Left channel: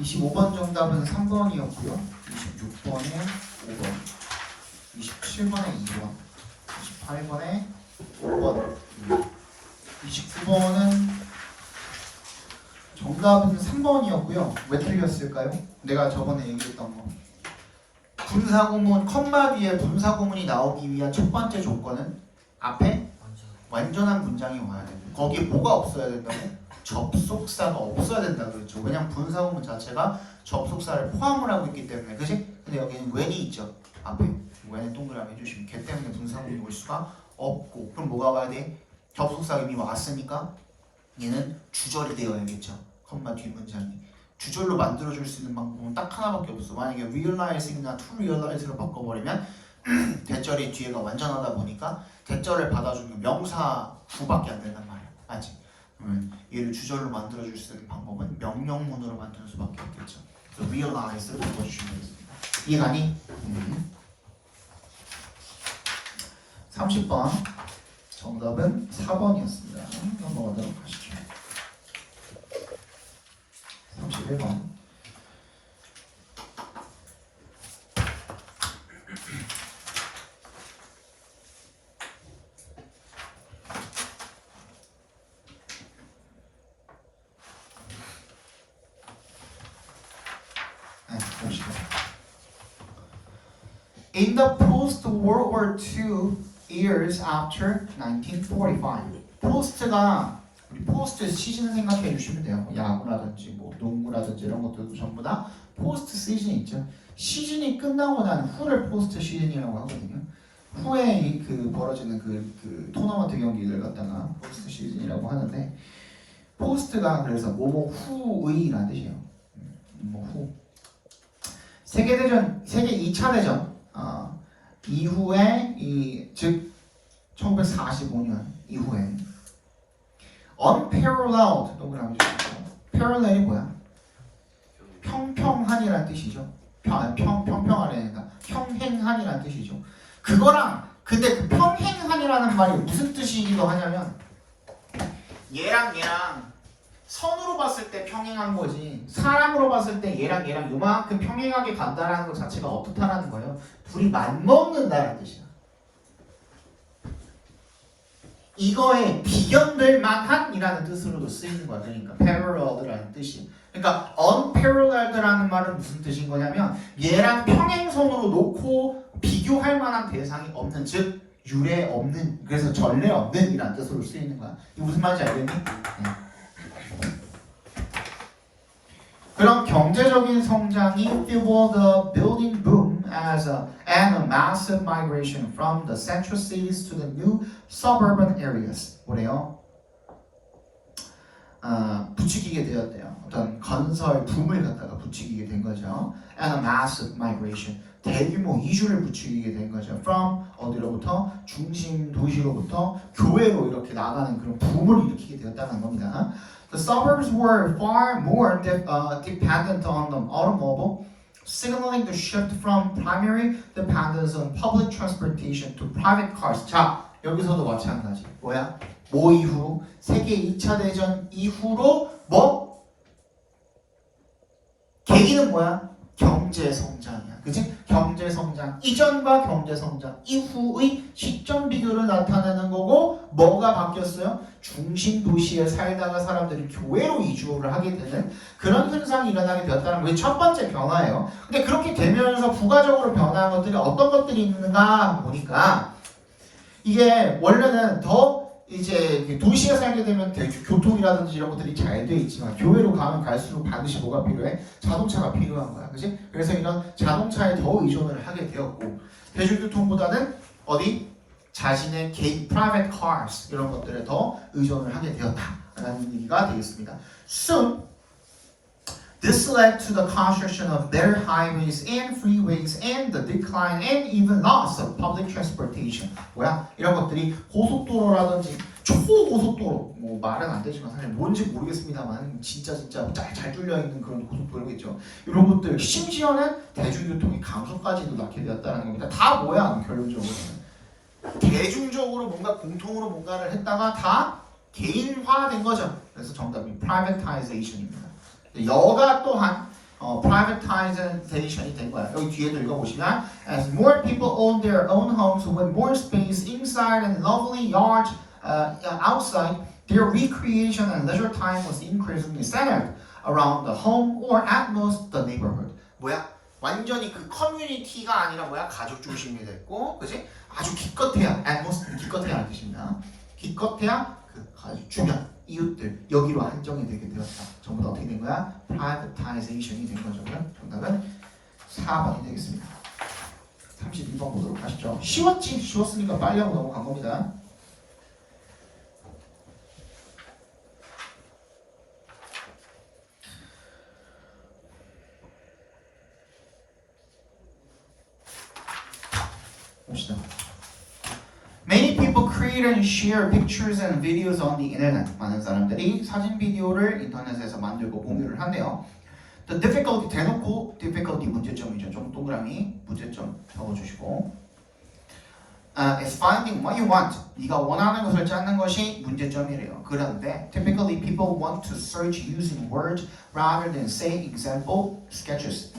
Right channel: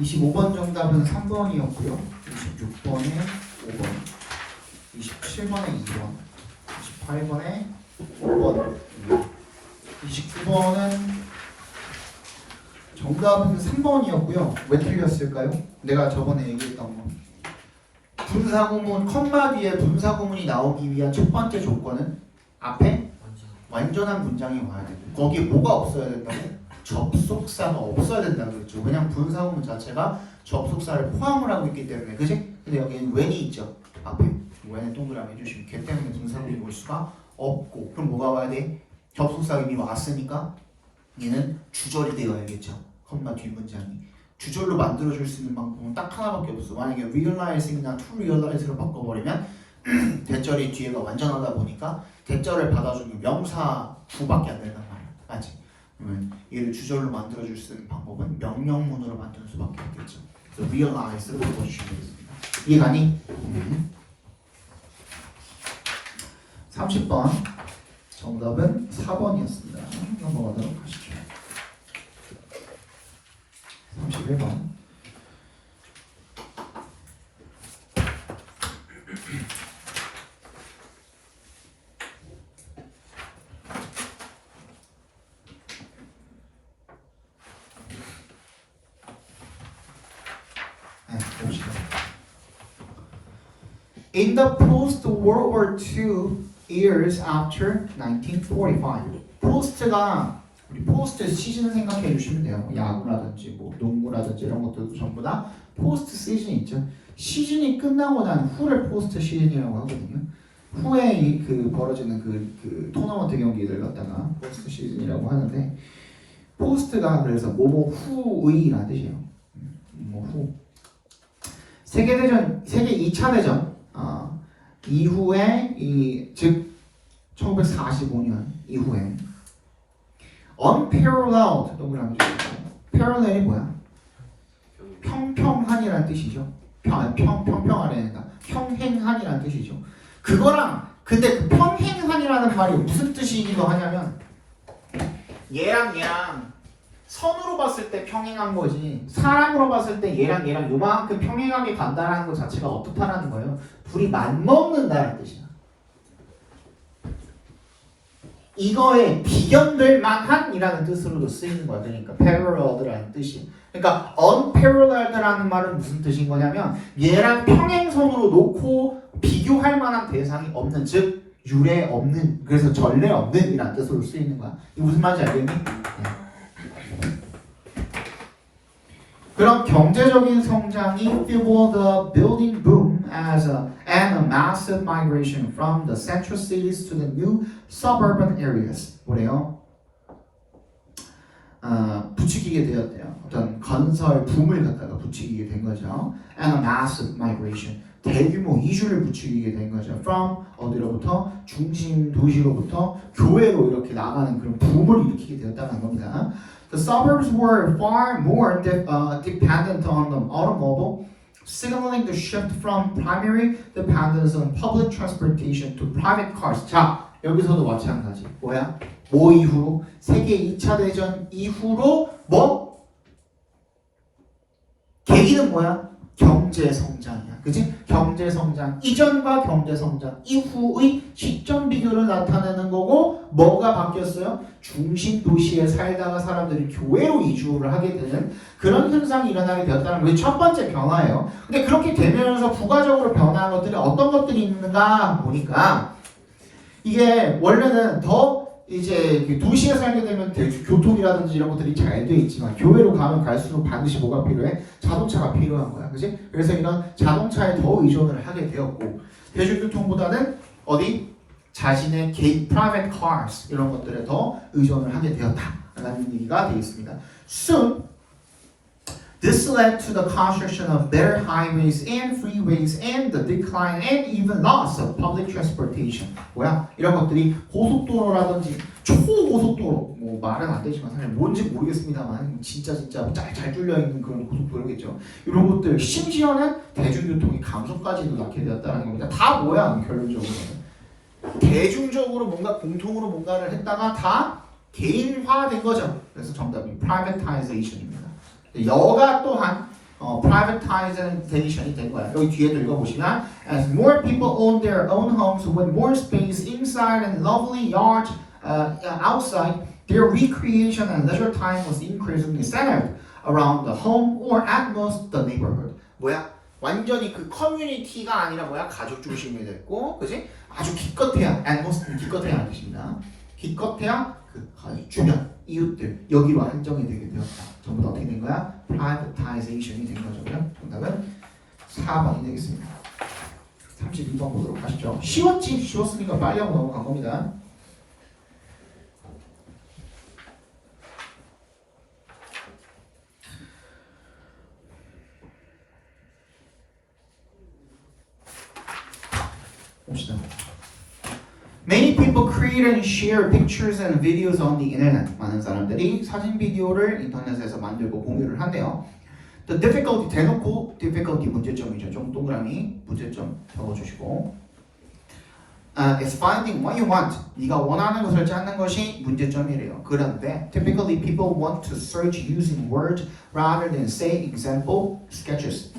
25번 정답은 3번이었고요. 26번에 5번, 27번에 2번, 28번에 5번, 29번은 정답은 3번이었고요. 왜 틀렸을까요? 내가 저번에 얘기했던 거. 분사구문, 컴마 뒤에 분사구문이 나오기 위한 첫 번째 조건은 앞에 완전한 문장이 와야 돼요. 거기에 뭐가 없어야 된다고? 접속사가 없어야 된다고 그랬죠. 그냥 분사구문 자체가 접속사를 포함을 하고 있기 때문에, 그지? 근데 여기는 when이 있죠. 앞에 when에 동그라미 해주시면 걔 때문에 분사구문이 올 수가 없고, 그럼 뭐가 와야 돼? 접속사가 이미 왔으니까 얘는 주절이 되어야겠죠. 컴마 뒤 문장이 주절로 만들어줄 수 있는 방법은 딱 하나밖에 없어. 만약에 realizing이나 to realize로 바꿔버리면 대절이 뒤에가 완전하다 보니까 대절을 받아주는 명사 구밖에 안 된단 말이야. 맞지? 그러면 얘를 주절로 만들어줄 수 있는 방법은 명령문으로 만드는 수밖에 없겠죠. 그래서 realize로 바꿔주시면 되겠습니다. 이해가니? 30번 정답은 4번이었습니다. 넘어가도록 하시죠. 31번. In the post-World War II years after 1945. 포스트가 우리 포스트 시즌 생각해 주시면 돼요. 뭐 야구라든지 뭐 농구라든지 이런 것들도 전부 다 포스트 시즌이 있죠. 시즌이 끝나고 난 후를 포스트 시즌이라고 하거든요. 후에 그 벌어지는 그 토너먼트 경기를 갖다가 포스트 시즌이라고 하는데, 포스트가 그래서 뭐뭐 후의라는 뜻이에요. 뭐 후. 세계 2차 대전 이후에 즉 1945년 이후에 unparalleled 동그라미 주시고, parallel이 뭐야? 평평한이라는 뜻이죠. 평평한이니까 평행한이라는 뜻이죠. 그거랑 근데 그 평행한이라는 말이 무슨 뜻이기도 하냐면 얘랑 선으로 봤을 때 평행한 거지, 사람으로 봤을 때 얘랑 요만큼 평행하게 간다라는 것 자체가 어떻다라는 거예요? 둘이 맞먹는다는 뜻이야. 이거에 비견될 만한이라는 뜻으로도 쓰이는 거야. 그러니까 paralleled라는 뜻이. 그러니까 unparalleled라는 말은 무슨 뜻인 거냐면 얘랑 평행선으로 놓고 비교할 만한 대상이 없는, 즉 유례 없는, 그래서 전례 없는 이라는 뜻으로 쓰이는 거야. 이게 무슨 말인지 알겠니? 네. 그런 경제적인 성장이 fueled the building boom and a massive migration from the central cities to the new suburban areas. 뭐래요? 부추기게 되었대요. 어떤 건설 붐을 갖다가 부추기게 된 거죠. And a massive migration. 대규모 이주를 부추기게 된 거죠. From 어디로부터? 중심 도시로부터 교외로 이렇게 나가는 그런 붐을 일으키게 되었다는 겁니다. The suburbs were far more dependent on the automobile, signaling the shift from primary dependence on public transportation to private cars. 자, 여기서도 마찬가지. 뭐야? 뭐 이후? 세계 2차 대전 이후로 뭐? 계기는 뭐야? 경제 성장이야. 그치? 경제 성장 이전과 경제 성장 이후의 시점 비교를 나타내는 거고, 뭐가 바뀌었어요? 중심 도시에 살다가 사람들이 교외로 이주를 하게 되는 그런 현상이 일어나게 되었다는 게 첫 번째 변화예요. 근데 그렇게 되면서 부가적으로 변화한 것들이 어떤 것들이 있는가 보니까, 이게 원래는 더 이제 도시에 살게 되면 교통이라든지 이런 것들이 잘 돼 있지만 교외로 가면 갈수록 반드시 뭐가 필요해? 자동차가 필요한 거야. 그치? 그래서 이런 자동차에 더 의존을 하게 되었고, 대중교통보다는 어디? 자신의 개인 private cars 이런 것들에 더 의존을 하게 되었다라는 얘기가 되겠습니다. Soon, this led to the construction of better highways and freeways and the decline and even loss of public transportation. 뭐야? 이런 것들이 고속도로라든지 초고속도로, 뭐 말은 안 되지만 사실 뭔지 모르겠습니다만 진짜 잘 뚫려 있는 그런 고속도로겠죠. 이런 것들, 심지어는 대중교통의 감소까지도 낳게 되었다는 겁니다. 다 뭐야? 결론적으로는 대중적으로 뭔가 공통으로 뭔가를 했다가 다 개인화된 거죠. 그래서 정답이 privatization입니다. 여가 또한 privatization이 된 거야. 여기 뒤에도 읽어보시면 as more people own their own homes with more space inside and lovely yards outside, their recreation and leisure time was increasingly centered around the home or at most the neighborhood. 뭐야? 완전히 그 커뮤니티가 아니라 뭐야? 가족 중심이 됐고, 그지? 아주 기껏해야, at most 기껏해야 뜻입니다. 기껏해야 그 주변 이웃들 여기로 한정이 되게 되었다. 전부 다 어떻게 된 거야? privatization이 된 거죠. 정답은 4번이 되겠습니다. 32번 보도록 하시죠. 쉬웠으니까 빨리 하고 넘어간 겁니다. 봅시다. Many people create and share pictures and videos on the internet. 많은 사람들이 사진 비디오를 인터넷에서 만들고 공유를 한대요. The difficulty 대놓고 difficulty 문제점이죠. 좀 동그라미 문제점 적어주시고. Is finding what you want. 네가 원하는 것을 찾는 것이 문제점이래요. 그런데 typically people want to search using words rather than say example sketches.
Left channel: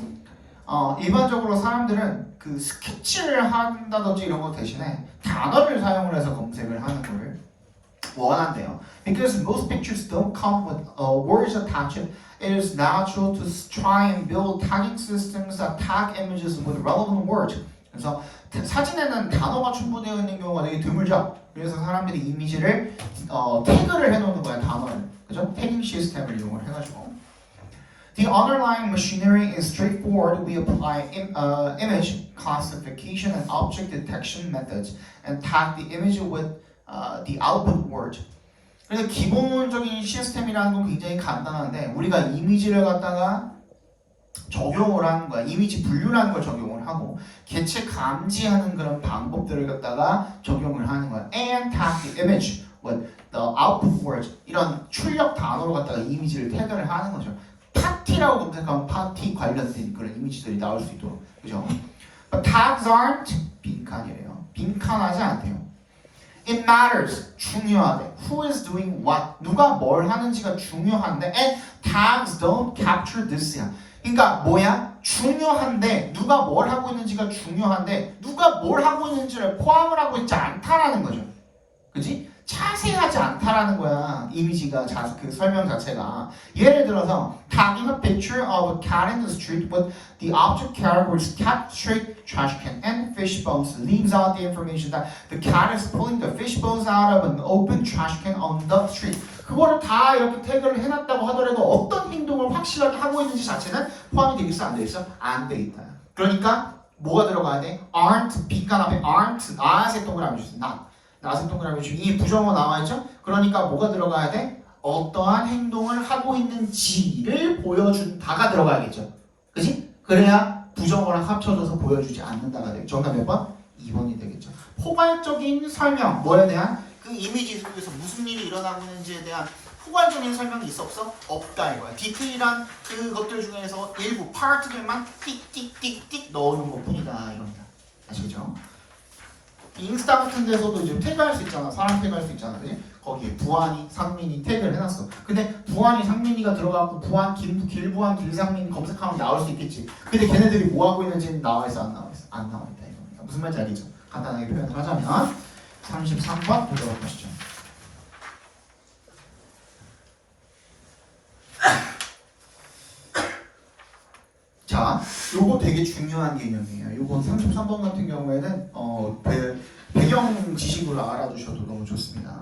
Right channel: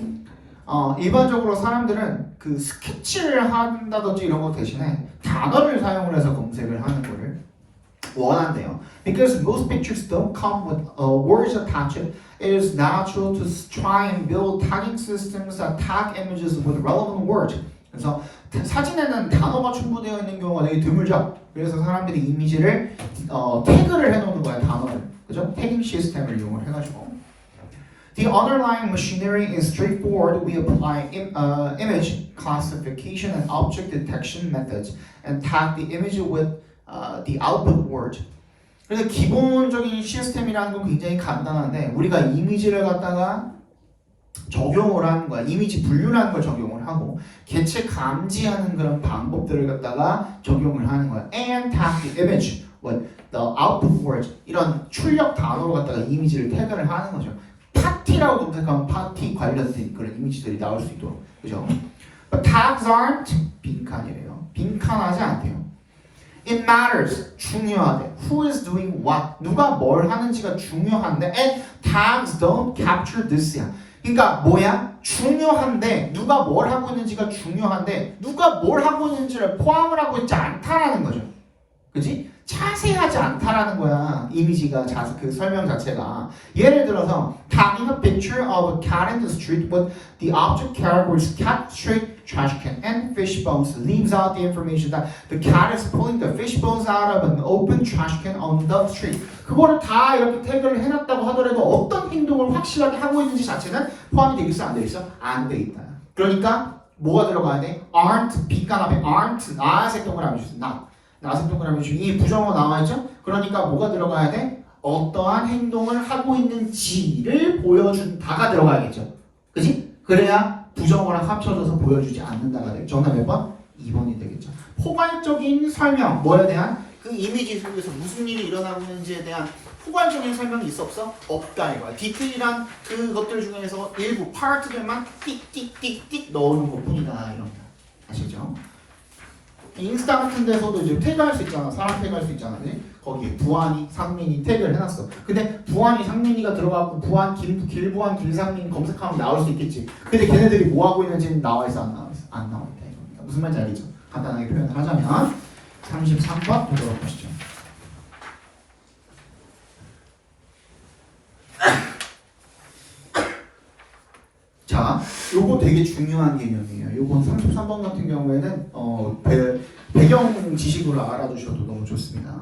일반적으로 사람들은 그 스케치를 한다든지 이런 거 대신에 단어를 사용을 해서 검색을 하는 거를 원한대요. Because most pictures don't come with words attached, it is natural to try and build tagging systems that tag images with relevant words. 그래서 사진에는 단어가 첨부되어 있는 경우가 되게 드물죠. 그래서 사람들이 이미지를 태그를 해놓는 거야, 단어를. 그죠? 태깅 시스템을 이용을 해가지고. The underlying machinery is straightforward. We apply image classification and object detection methods and tag the image with the output word. 그래서 기본적인 시스템이라는 건 굉장히 간단한데 우리가 이미지를 갖다가 적용을 하는 거야. 이미지 분류라는 걸 적용을 하고 개체 감지하는 그런 방법들을 갖다가 적용을 하는 거야. And tag the image with the output word. 이런 출력 단어로 갖다가 이미지를 태그를 하는 거죠. 파티라고 검색하면 파티 관련된 그런 이미지들이 나올 수 있도록, 그죠? But tags aren't 빈칸이래요. 빈칸하지 않대요. It matters. 중요하대. Who is doing what? 누가 뭘 하는지가 중요한데, and tags don't capture this야. 그러니까 뭐야? 중요한데 누가 뭘 하고 있는지가 중요한데 누가 뭘 하고 있는지를 포함을 하고 있지 않다라는 거죠. 그지? 자세하지 않다라는 거야. 이미지가 그 설명 자체가. 예를 들어서 tagging a picture of a cat in the street with the object categories cat, straight, trash can, and fish bones leaves out the information that the cat is pulling the fish bones out of an open trash can on the street. 그거를 다 이렇게 태그를 해놨다고 하더라도 어떤 행동을 확실하게 하고 있는지 자체는 포함이 되겠어? 안 되겠어? 안 되겠다. 그러니까 뭐가 들어가야 돼? aren't, 빈칸 앞에 aren't, 나색 동그라미 주세요. 나색 동그라미 주세요. 이 부정어 나와있죠? 그러니까 뭐가 들어가야 돼? 어떠한 행동을 하고 있는지를 보여준다가 들어가야겠죠. 그지? 그래야 부정어랑 합쳐져서 보여주지 않는다가 되겠죠. 정답 몇 번? 2번이 되겠죠. 포괄적인 설명, 뭐에 대한? 그 이미지 속에서 무슨 일이 일어나고 있는지에 대한 포괄적인 설명이 있어 없어? 없다 이거야. 디테일한 그것들 중에서 일부 파트들만 띡띡띡띡 넣어놓은 것뿐이다 이럽니다. 아시죠? 인스타 같은 데서도 이제 태그할 수 있잖아. 사람 태그할 수 있잖아. 그치? 거기에 부안이, 상민이 태그를 해놨어. 근데 부안이, 상민이가 들어가고 부안, 길부안, 길상민 검색하면 나올 수 있겠지. 근데 걔네들이 뭐 하고 있는지는 나와있어 안 나와있어? 안 나와있다 이겁니다. 무슨 말인지 알겠죠? 간단하게 표현을 하자면 33번 보도록 보시죠. 자, 요거 되게 중요한 개념이에요. 요건 33번 같은 경우에는 배경 지식으로 알아두셔도 너무 좋습니다.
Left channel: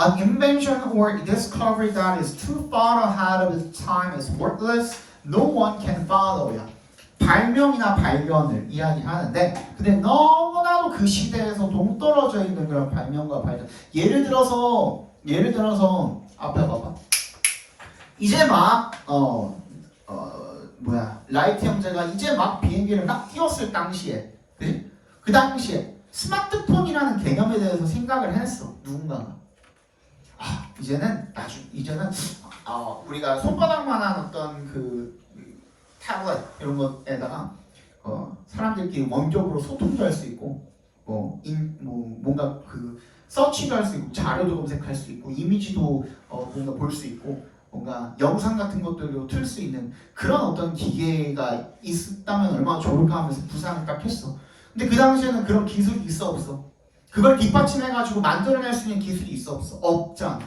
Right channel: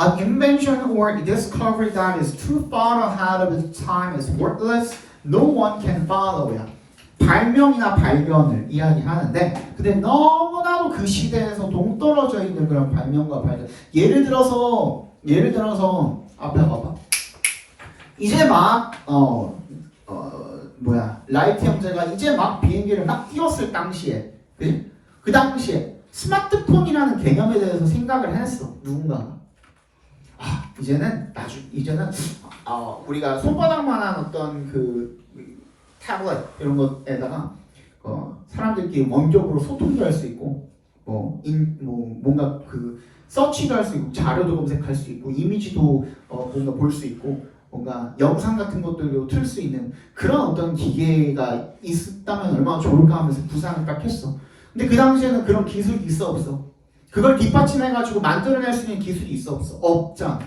An invention or discovery that is too far ahead of its time is worthless. No one can follow it. 발명이나 발견을 이야기하는데 근데 너무나도 그 시대에서 동떨어져 있는 그런 발명과 발견. 예를 들어서 앞에 봐봐. 이제 막 라이트 형제가 이제 막 비행기를 막 띄웠을 당시에, 그치? 그 당시에 스마트폰이라는 개념에 대해서 생각을 해냈어. 누군가가. 이제는 우리가 손바닥만한 어떤 그 태블릿 이런 것에다가 사람들끼리 원격으로 소통도 할 수 있고, 뭔가 그 서치도 할 수 있고, 자료도 검색할 수 있고, 이미지도 뭔가 볼 수 있고, 뭔가 영상 같은 것들도 틀 수 있는 그런 어떤 기계가 있었다면 얼마나 좋을까 하면서 구상을 딱 했어. 근데 그 당시에는 그런 기술이 있어 없어? 그걸 뒷받침해가지고 만들어낼 수 있는 기술이 있어 없어? 없잖아.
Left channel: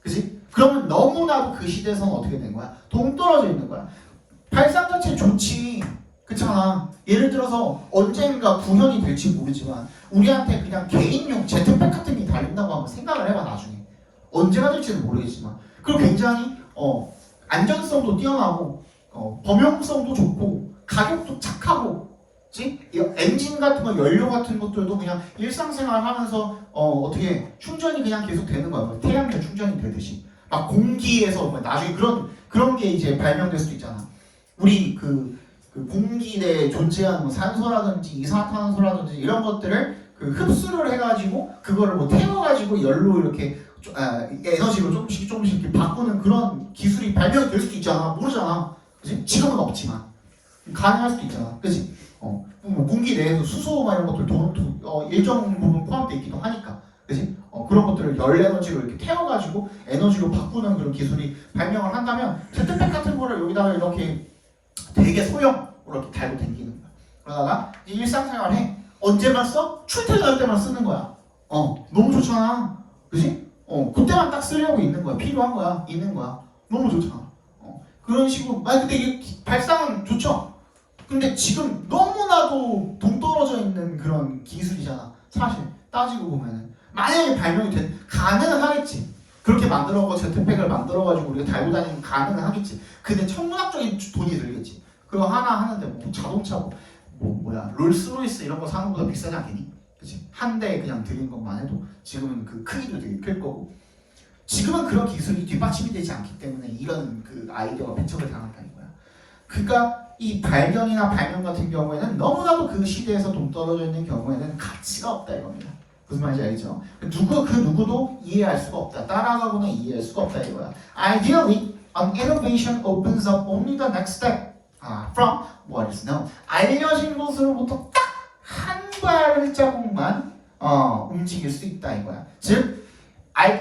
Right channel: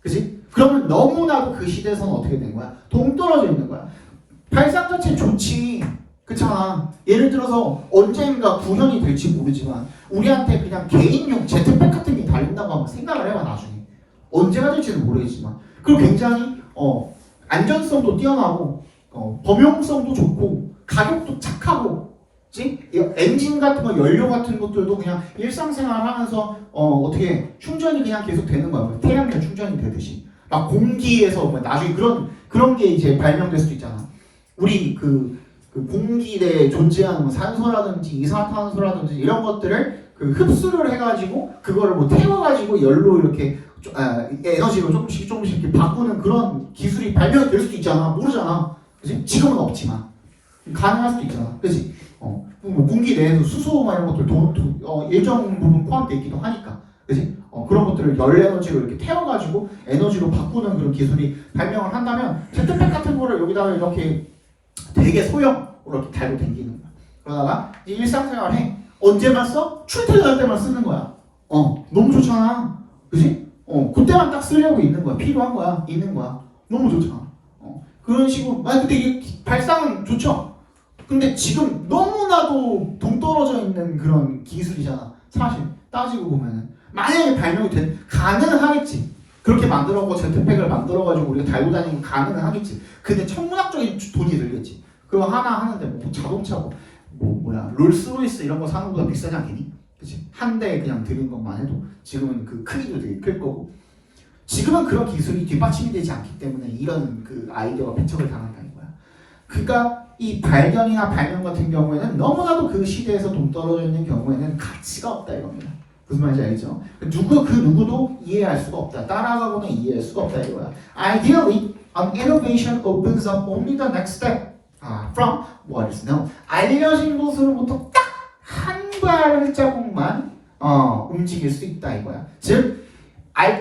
그지? 그러면 너무나도 그 시대에서는 어떻게 된 거야? 동떨어져 있는 거야. 발상 자체는 좋지. 그렇잖아. 예를 들어서 언젠가 구현이 될지 모르지만 우리한테 그냥 개인용 제트팩 같은 게 달린다고 하면 생각을 해봐 나중에. 언제가 될지는 모르겠지만 그리고 굉장히 안전성도 뛰어나고 범용성도 좋고 가격도 착하고 그치? 엔진 같은 거 연료 같은 것들도 그냥 일상생활 하면서 어떻게 충전이 그냥 계속 되는 거야. 태양열 충전이 되듯이 막 공기에서 나중에 그런 게 이제 발명될 수도 있잖아. 우리 그 공기 내에 존재하는 뭐 산소라든지 이산화탄소라든지 이런 것들을 그 흡수를 해가지고 그거를 뭐 태워가지고 열로 이렇게 에너지로 조금씩 이렇게 바꾸는 그런 기술이 발명될 수도 있잖아. 모르잖아. 그치? 지금은 없지만 가능할 수도 있잖아. 그치? 뭐 공기 내에서 수소 이런 것들 일정 부분 포함되어 있기도 하니까. 그치? 그런 것들을 열 에너지로 이렇게 태워가지고 에너지로 바꾸는 그런 기술이 발명을 한다면 제트팩 같은 거를 여기다가 이렇게 되게 소형으로 이렇게 달고 다니는 거야. 그러다가 일상생활 해. 언제만 써? 출퇴근할 때만 쓰는 거야. 너무 좋잖아. 그지? 그때만 딱 쓰려고 있는 거야. 필요한 거야. 있는 거야. 너무 좋잖아. 그런 식으로. 근데 이게 발상 좋죠? 근데 지금 너무나도 동떨어져 있는 그런 기술이잖아. 사실 따지고 보면은 만약에 발명이 가능하겠지. 그렇게 만들어서 제트팩을 만들어가지고 우리가 달고 다니는 게 가능은 하겠지. 근데 천문학적인 돈이 들겠지. 그거 하나 하는데 뭐 자동차 롤스로이스 이런 거 사는 것보다 비싸지 않겠니? 그치? 한 대에 그냥 들인 것만 해도 지금은 그 크기도 되게 클 거고 지금은 그런 기술이 뒷받침이 되지 않기 때문에 이런 그 아이디어가 배척을 당한다는 거야. 그러니까 이 발견이나 발명 같은 경우에는 너무나도 그 시대에서 동떨어져 있는 경우에는 가치가 없다 이겁니다. 무슨 말인지 알겠죠? 그 누구도 이해할 수가 없다. 따라가고는 이해할 수가 없다 이거야. Ideally, an innovation opens up only the next step from what is known. 알려진 것으로부터 딱 한 발자국만 움직일 수 있다 이거야. 즉,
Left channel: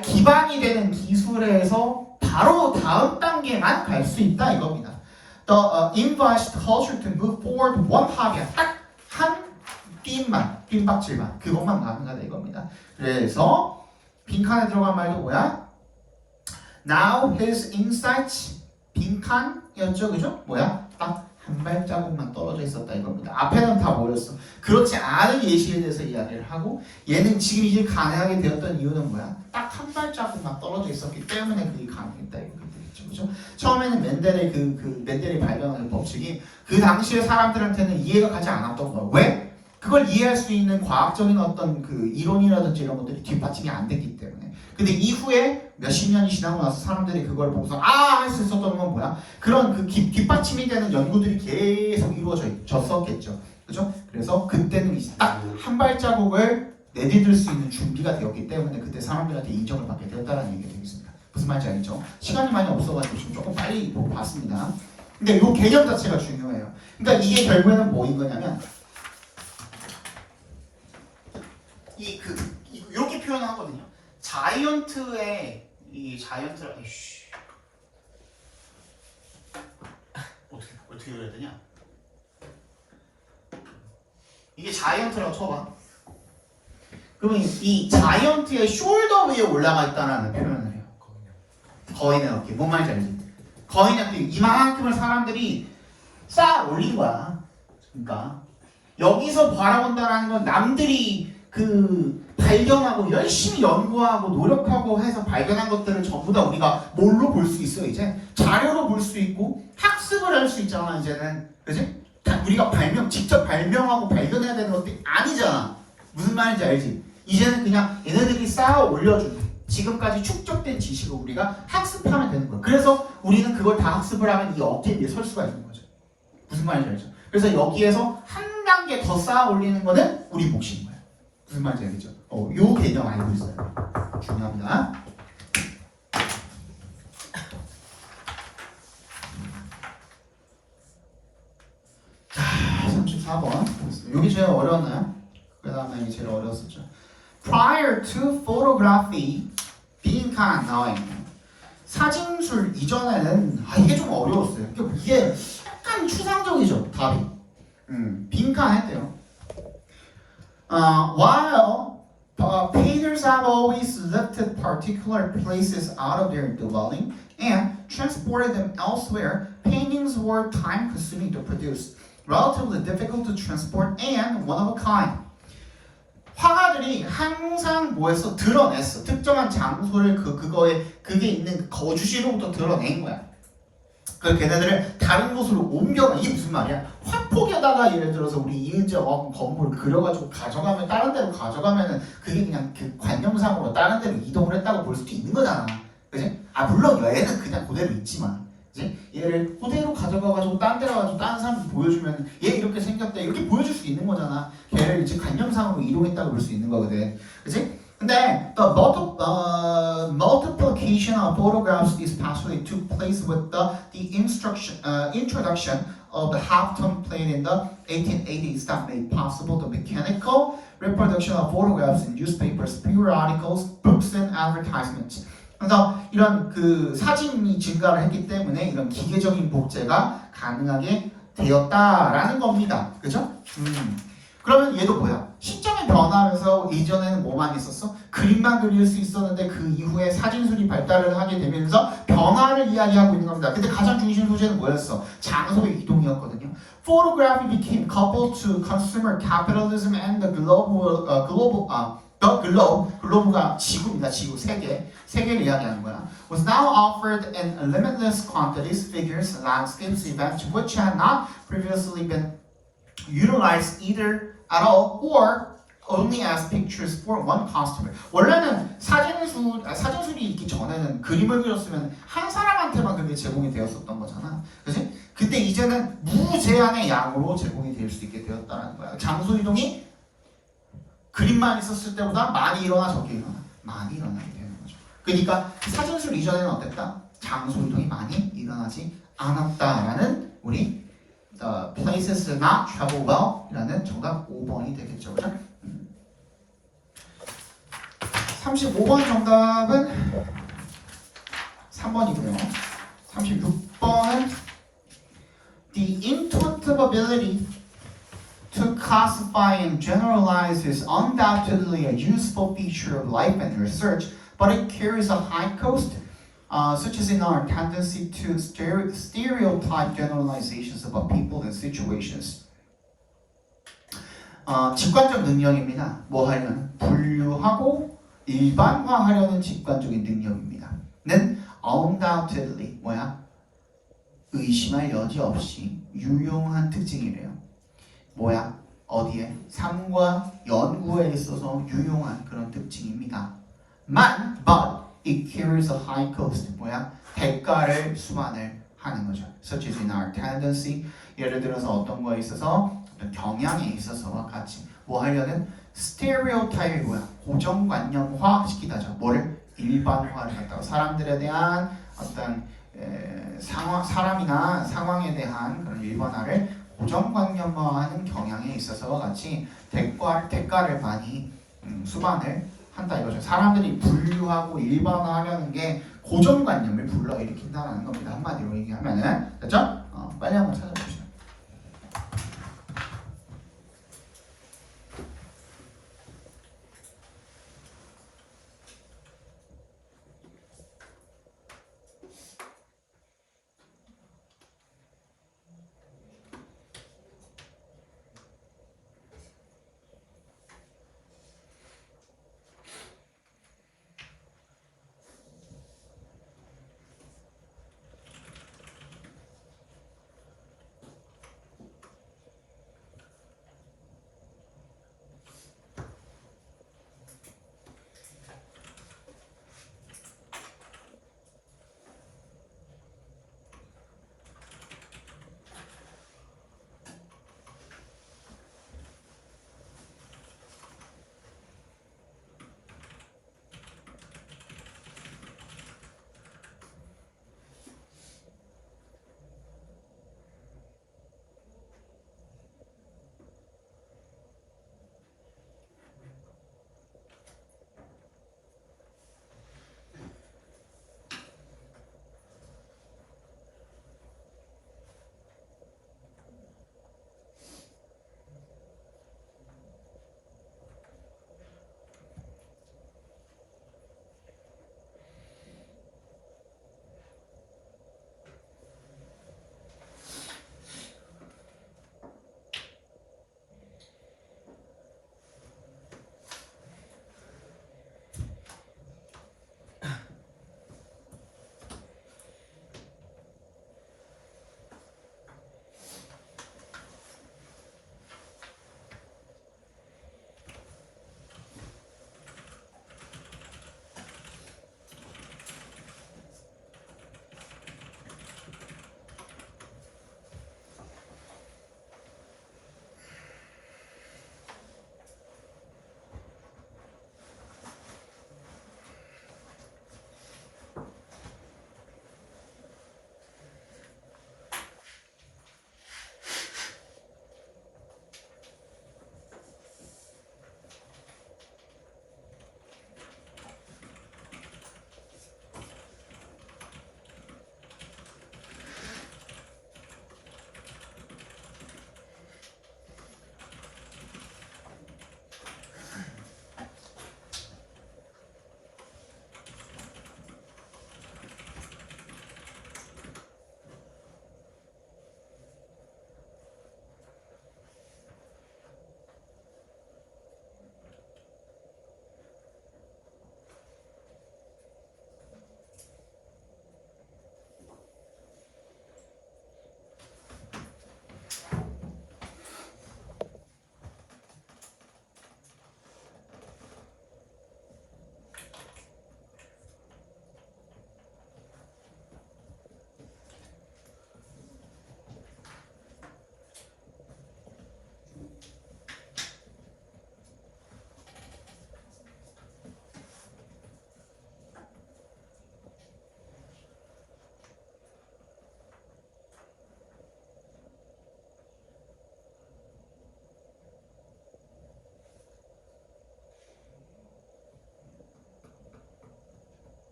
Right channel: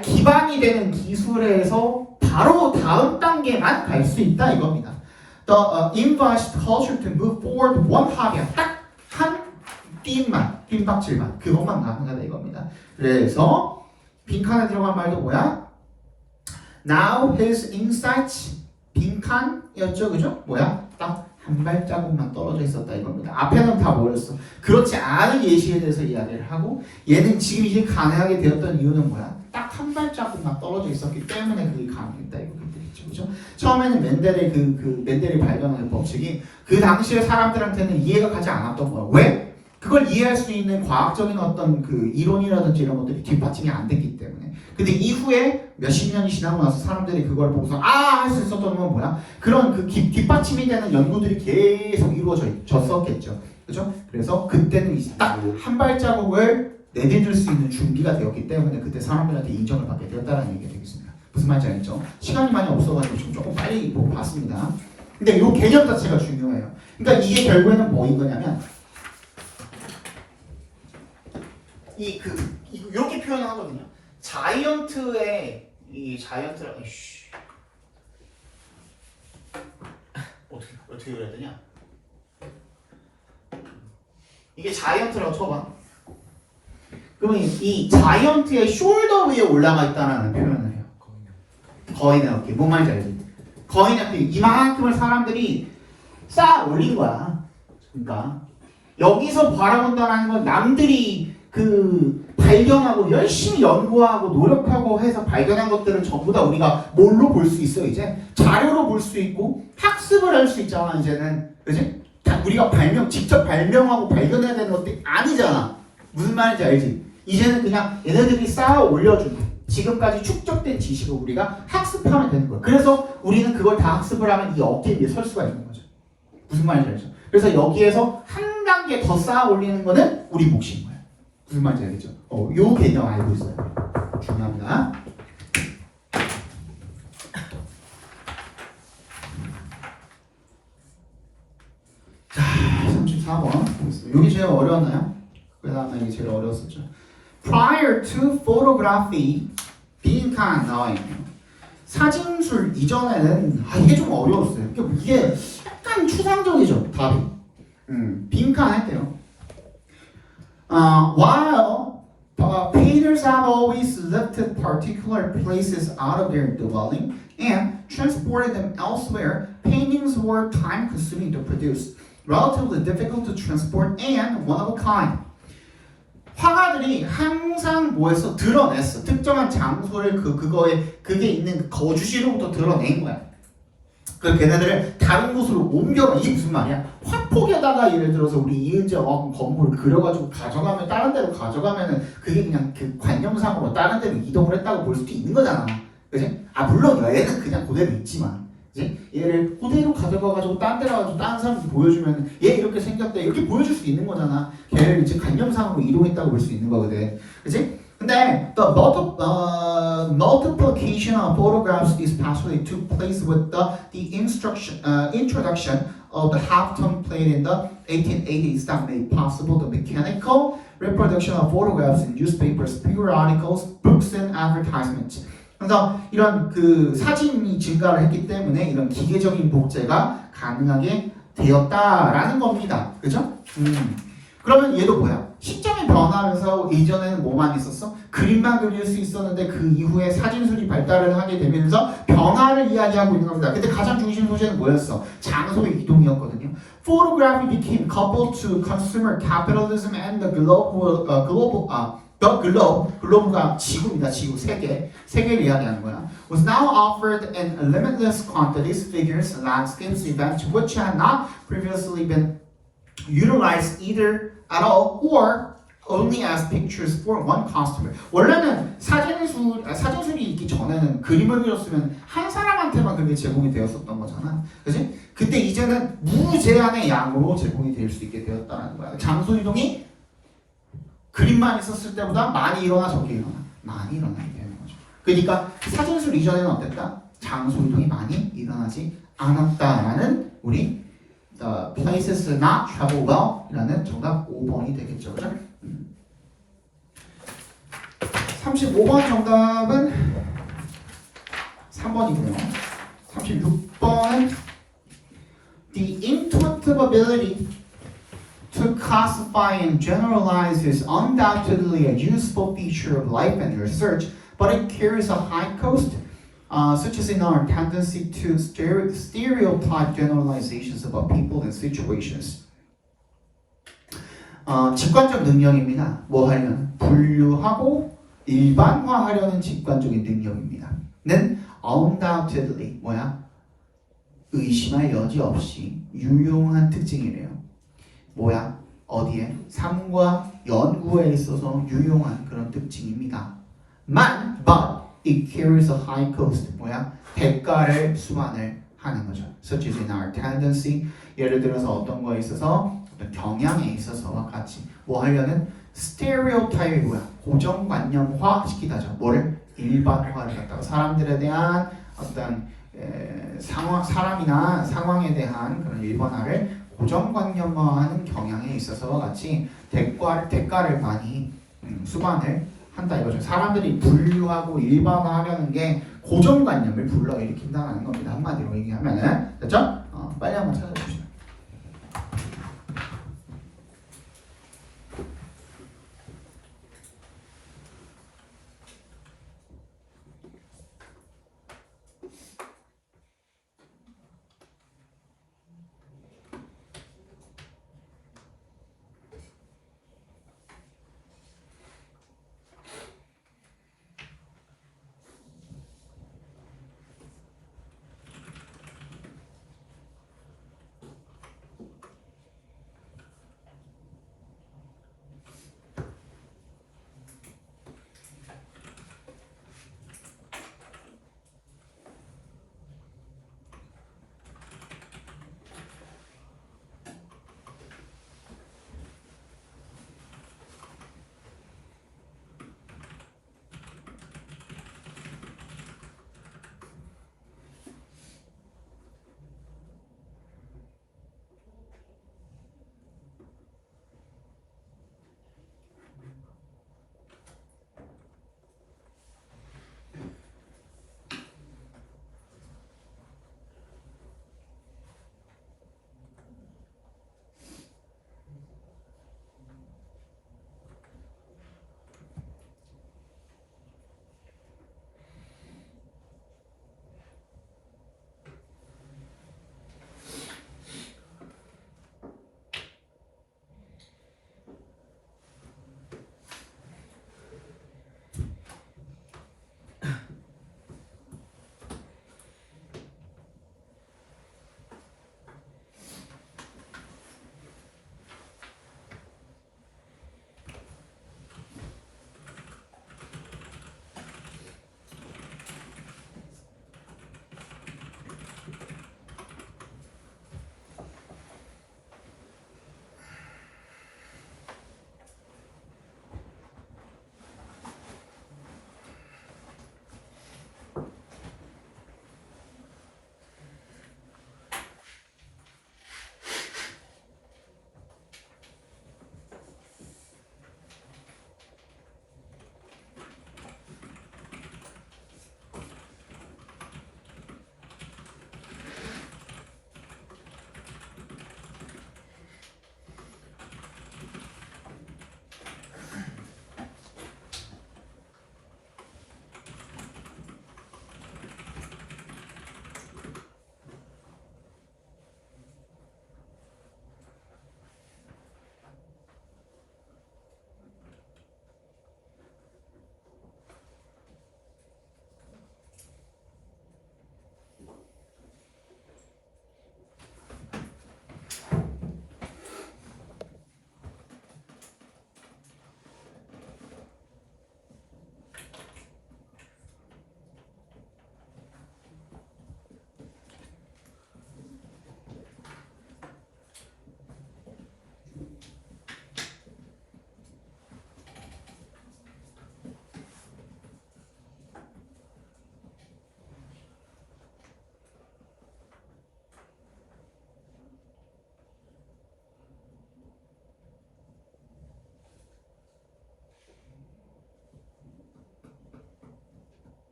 기반이 되는 기술에서 바로 다음 단계만 갈 수 있다 이겁니다. The invites culture to move forward one hobby. 딱 한 빈박질만 그것만 가능하다 이겁니다. 그래서 빈칸에 들어간 말도 뭐야? Now his insights 빈칸이었죠, 그죠? 뭐야? 딱 한 발자국만 떨어져 있었다 이겁니다. 앞에는 다 뭐였어? 그렇지 않은 예시에 대해서 이야기를 하고 얘는 지금 이제 가능하게 되었던 이유는 뭐야? 딱 한 발자국만 떨어져 있었기 때문에 그게 가능했다 이거겠죠, 그죠? 처음에는 멘델이 발견한 법칙이 그 당시에 사람들한테는 이해가 가지 않았던 거야. 왜? 그걸 이해할 수 있는 과학적인 어떤 그 이론이라든지 이런 것들이 뒷받침이 안 됐기 때문에. 근데 이후에 몇십 년이 지나고 나서 사람들이 그걸 보고서 할 수 있었던 건 뭐야? 그런 그 뒷받침이 되는 연구들이 계속 이루어졌었겠죠. 그죠? 그래서 그때는 딱 한 발자국을 내디딜 수 있는 준비가 되었기 때문에 그때 사람들한테 인정을 받게 되었다는 얘기가 되겠습니다. 무슨 말인지 알겠죠? 시간이 많이 없어가지고 지금 조금 빨리 봤습니다. 근데 이 개념 자체가 중요해요. 그러니까 이게 결국에는 뭐인 거냐면 이렇게 표현하거든요. 자이언트의 자이언트라 어떻게 그래야 되냐? 이게 자이언트라고 쳐봐. 그러면 이 자이언트의 숄더 위에 올라가 있다는 표현을 해요. 거인의 어깨. 뭔 말인지 알지? 거인의 어깨. 이만큼을 사람들이 쌓아 올린 거야. 그러니까 여기서 바라본다는 건 남들이 발견하고 열심히 연구하고 노력하고 해서 발견한 것들을 전부 다 우리가 뭘로 볼 수 있어 이제? 자료로 볼 수 있고 학습을 할 수 있잖아 이제는. 그지? 우리가 직접 발명하고 발견해야 되는 것들이 아니잖아. 무슨 말인지 알지? 이제는 그냥 얘네들이 쌓아 올려준 지금까지 축적된 지식을 우리가 학습하면 되는 거야. 그래서 우리는 그걸 다 학습을 하면 이 어깨 위에 설 수가 있는 거죠. 무슨 말인지 알죠? 그래서 여기에서 한 단계 더 쌓아 올리는 거는 우리 몫인 거야. 무슨 말인지 알겠죠? 요 개념 알고 있어요. 중요합니다. 자, 34번. 여기 제일 어려웠나요? 그 다음에 여기 제일 어려웠었죠. Prior to photography, 빈칸 나와 있네요. 사진술 이전에는 이게 좀 어려웠어요. 이게 약간 추상적이죠, 답이. 빈칸했대요. While painters have always lifted particular places out of their dwelling and transported them elsewhere, paintings were time-consuming to produce, relatively difficult to transport, and one of a kind. 화가들이 항상 뭐에서 드러냈어. 특정한 장소를 그게 있는 거주지로부터 드러낸 거야. 그 걔네들을 다른 곳으로 옮겨. 이게 무슨 말이야? 화폭에다가 예를 들어서 우리 이은재 어학원 건물을 그려가지고 가져가면 다른 데로 가져가면은 그게 그냥 그 관념상으로 다른 데로 이동을 했다고 볼 수도 있는 거잖아. 그지? 물론 얘는 그냥 그대로 있지만. 그지? 얘를 그대로 가져가가지고 딴 데로 가지고 다른 사람한테 보여주면 얘 이렇게 생겼대 이렇게 보여줄 수 있는 거잖아. 걔를 이제 관념상으로 이동했다고 볼 수 있는 거거든. 그지? 근데 the multiplication of photographs especially took place with the introduction of the halftone plate in the 1880s that made possible the mechanical reproduction of photographs in newspapers, periodicals, books, and advertisements. 그래서 이런 그 사진이 증가를 했기 때문에 이런 기계적인 복제가 가능하게 되었다라는 겁니다. 그죠? 그러면 얘도 뭐야? 시점이 변하면서 이전에는 뭐만 있었어? 그림만 그릴 수 있었는데 그 이후에 사진술이 발달을 하게 되면서 변화를 이야기하고 있는 겁니다. 근데 가장 중심 소재는 뭐였어? 장소의 이동이었거든요. Photography became coupled to consumer capitalism and the 글로브가 지구입니다. 지구, 세계를 이야기하는 거야. Was now offered in limitless quantities, figures, landscapes, events which had not previously been utilized either at all or only as pictures for one customer. 원래는 사진술이 있기 전에는 그림을 그렸으면 한 사람한테만 그게 제공이 되었었던 거잖아. 그지? 근데 이제는 무제한의 양으로 제공이 될 수 있게 되었다는 거야. 장소 이동이 그림만 있었을 때보다 많이 일어나 적게 일어나? 많이 일어나게 되는 거죠. 그러니까 사진술 이전에는 어땠다? 장소 이동이 많이 일어나지 않았다라는 우리 The places not travel well 이라는 정답 5번이 되겠죠. 그죠? 35번 정답은 3번이고요. 36번은 The intuitive ability to classify and generalize is undoubtedly a useful feature of life and research, but it carries a high cost. Such as in our tendency to stereotype generalizations about people and situations. 직관적 능력입니다. 뭐 하려는? 분류하고 일반화하려는 직관적인 능력입니다. 는 undoubtedly 뭐야? 의심할 여지 없이 유용한 특징이래요. 뭐야? 어디에? 삶과 연구에 있어서 유용한 그런 특징입니다. but it carries a high cost. 뭐야? 대가를 수반을 하는 거죠. Such as in our tendency. 예를 들어서 어떤 거에 있어서 어떤 경향에 있어서와 같이 뭐 하려는 stereotype이 뭐야? 고정관념화 시키다죠. 뭐를? 일반화를 갖다가 사람들에 대한 어떤 사람이나 상황에 대한 그런 일반화를 고정관념화하는 경향에 있어서와 같이 대가를 많이 수반을 한다 이거죠. 사람들이 분류하고 일반화하려는 게 고정관념을 불러일으킨다는 겁니다. 한마디로 얘기하면은 됐죠? 빨리 한번 찾아보시죠.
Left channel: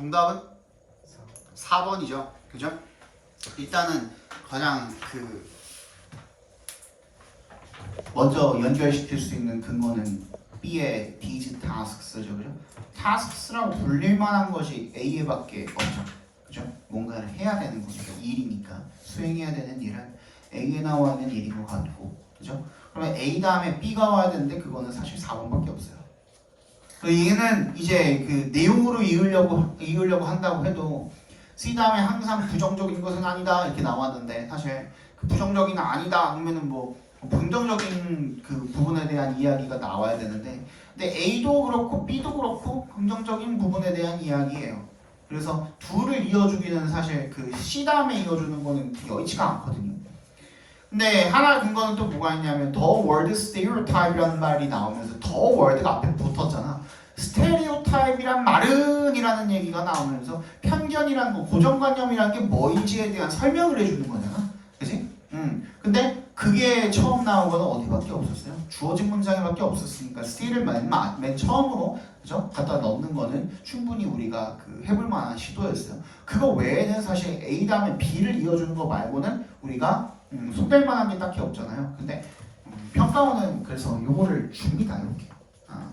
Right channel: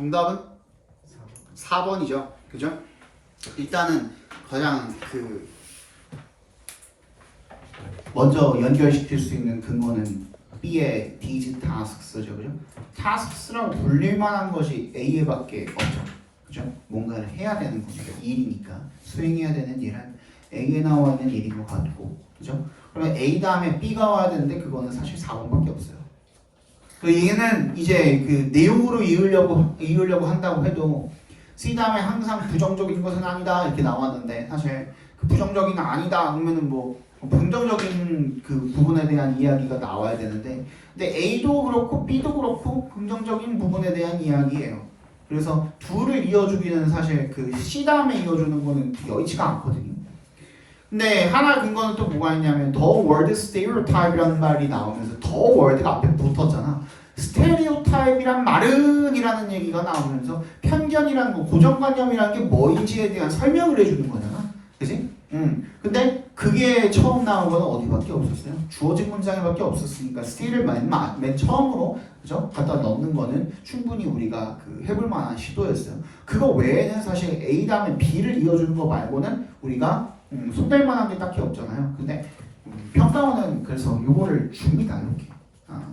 정답은 4번이죠. 그죠? 일단은 가장 먼저 연결시킬 수 있는 근거는 B의 these tasks죠, 그죠? tasks라고 불릴 만한 것이 A에밖에 없죠, 그죠? 뭔가를 해야 되는 거니까 일이니까 수행해야 되는 일은 A에 나와 있는 일인 것 같고, 그죠? 그러면 A 다음에 B가 와야 되는데 그거는 사실 4번밖에 없어요. 얘는 이제 그 내용으로 이으려고 한다고 해도 C 다음에 항상 부정적인 것은 아니다 이렇게 나왔는데 사실 그 부정적인 아니다 하면은 뭐 긍정적인 그 부분에 대한 이야기가 나와야 되는데 근데 A도 그렇고 B도 그렇고 긍정적인 부분에 대한 이야기예요. 그래서 둘을 이어주기는 사실 그 C 다음에 이어주는 거는 여의치가 않거든요. 근데 하나 근거는 또 뭐가 있냐면 the word stereotype이라는 말이 나오면서 the word가 앞에 붙었잖아. 스테레오타입이란 말은 이라는 얘기가 나오면서 편견이라는 거, 고정관념이라는 게 뭐인지에 대한 설명을 해주는 거잖아. 그치? 근데 그게 처음 나온 거는 어디밖에 없었어요? 주어진 문장에밖에 없었으니까 st를 맨 처음으로 그죠? 갖다 넣는 거는 충분히 우리가 해볼 만한 시도였어요. 그거 외에는 사실 A 다음에 B를 이어주는 거 말고는 우리가 손댈 만한 게 딱히 없잖아요. 근데 평가원은 그래서 요거를 줍니다. 이렇게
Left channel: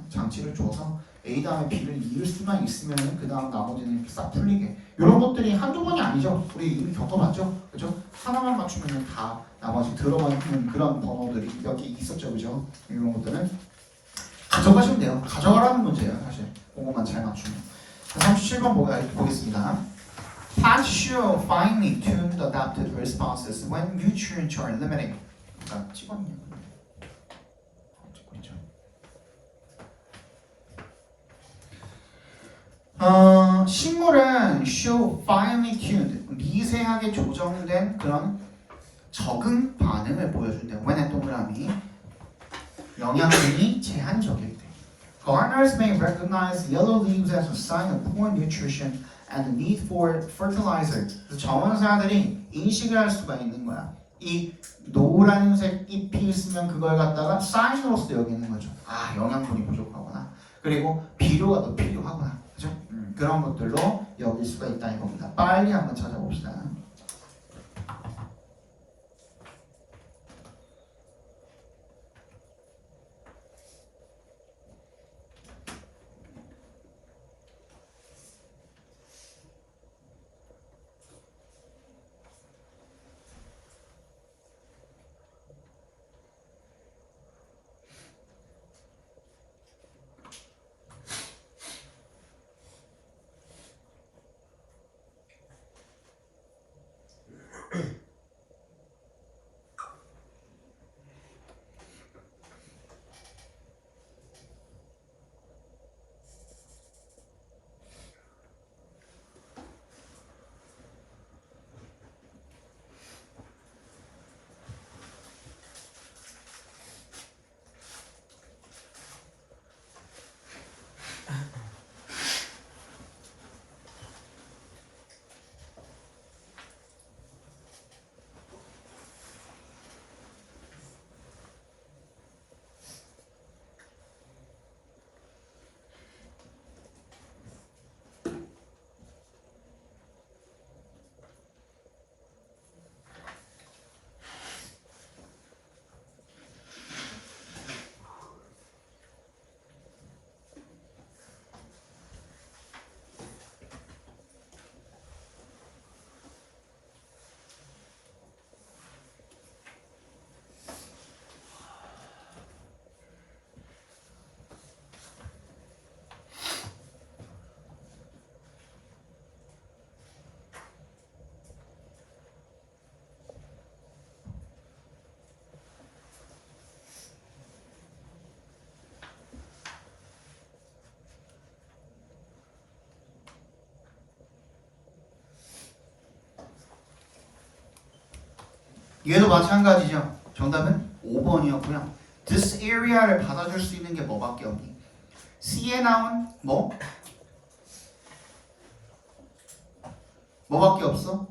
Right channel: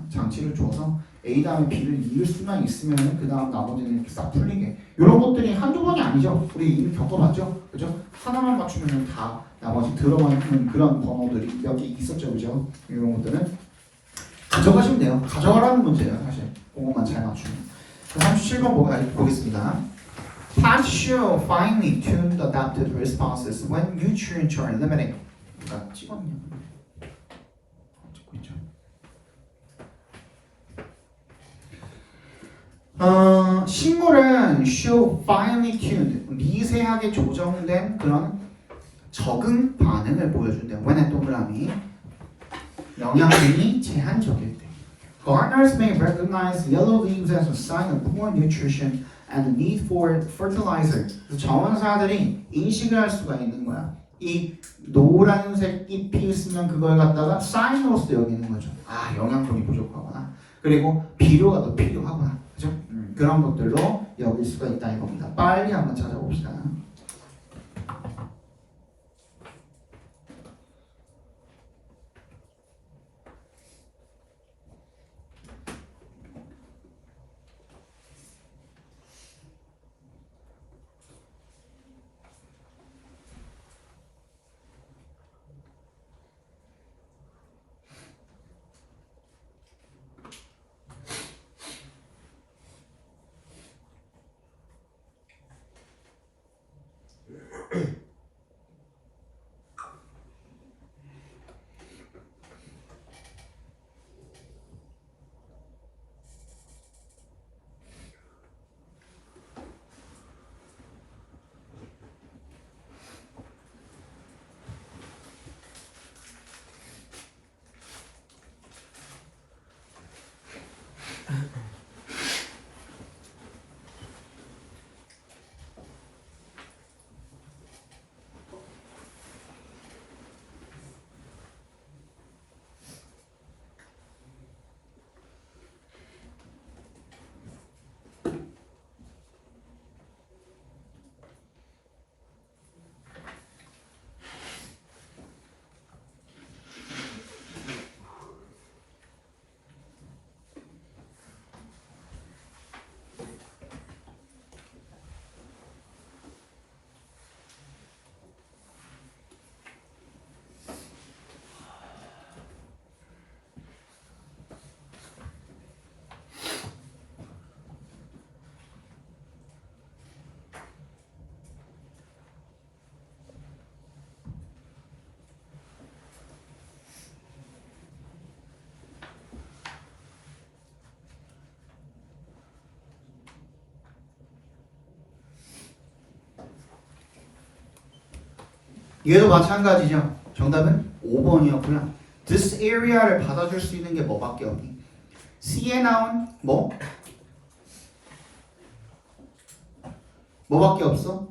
장치를 줘서 A 다음에 B를 이을 수만 있으면 그 다음 나머지는 이렇게 싹 풀리게 이런 것들이 한두 번이 아니죠. 우리 이미 겪어봤죠. 그죠? 하나만 맞추면 다 나머지 들어가는 그런 번호들이 몇 개 있었죠. 그죠? 이런 것들은 가져가시면 돼요. 가져가라는 문제예요. 사실 그것만 잘 맞추면 37번 보겠습니다. Passion finely tuned adaptive responses when nutrients are limited. 찍었네요. 찍고 있죠. 식물은 show finely tuned, 미세하게 조정된 그런 적응 반응을 보여준대. when의 동그라미 영양분이 제한적일 때. Gardeners may recognize yellow leaves as a sign of poor nutrition and the need for fertilizer. 정원사들이 인식을 할 수가 있는 거야. 이 노란색 잎이 있으면 그걸 갖다가 사인으로서 여기는 거죠. 아, 영양분이 부족하구나. 그리고 비료가 더 필요하구나. 그죠? 그런 것들로 여길 수가 있다 이겁니다. 빨리 한번 찾아봅시다. 얘도 마찬가지죠. 정답은 5번이었고요. This area를 받아줄 수 있는 게 뭐밖에 없니? C에 나온 뭐밖에 없어?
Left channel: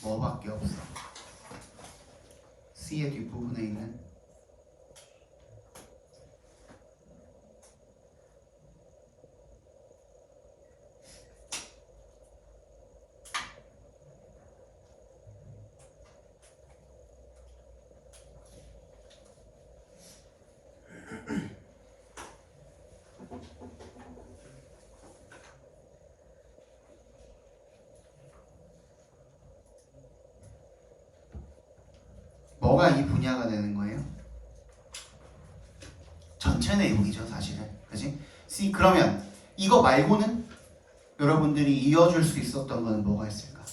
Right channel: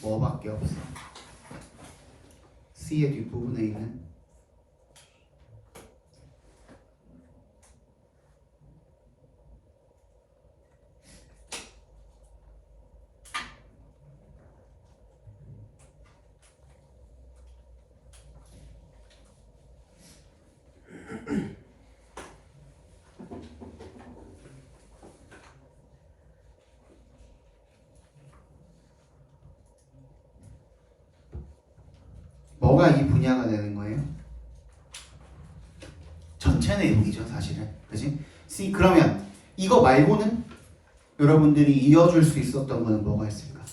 뭐밖에 없어? C의 뒷부분에 있는 뭐가 이 분야가 되는 거예요? 전체 내용이죠, 사실은. 그지? C 그러면 이거 말고는 여러분들이 이어줄 수 있었던 거는 뭐가 있을까?